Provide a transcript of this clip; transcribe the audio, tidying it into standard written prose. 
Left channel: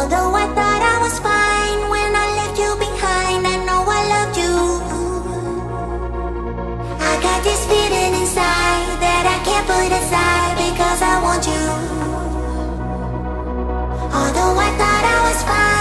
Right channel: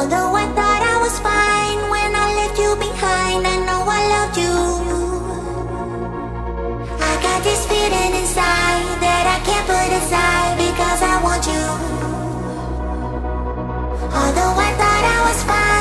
Although I thought I was fine when I left you behind, I know I loved you. I got this feeling inside that I can't put aside because I want you. Although I thought I was fine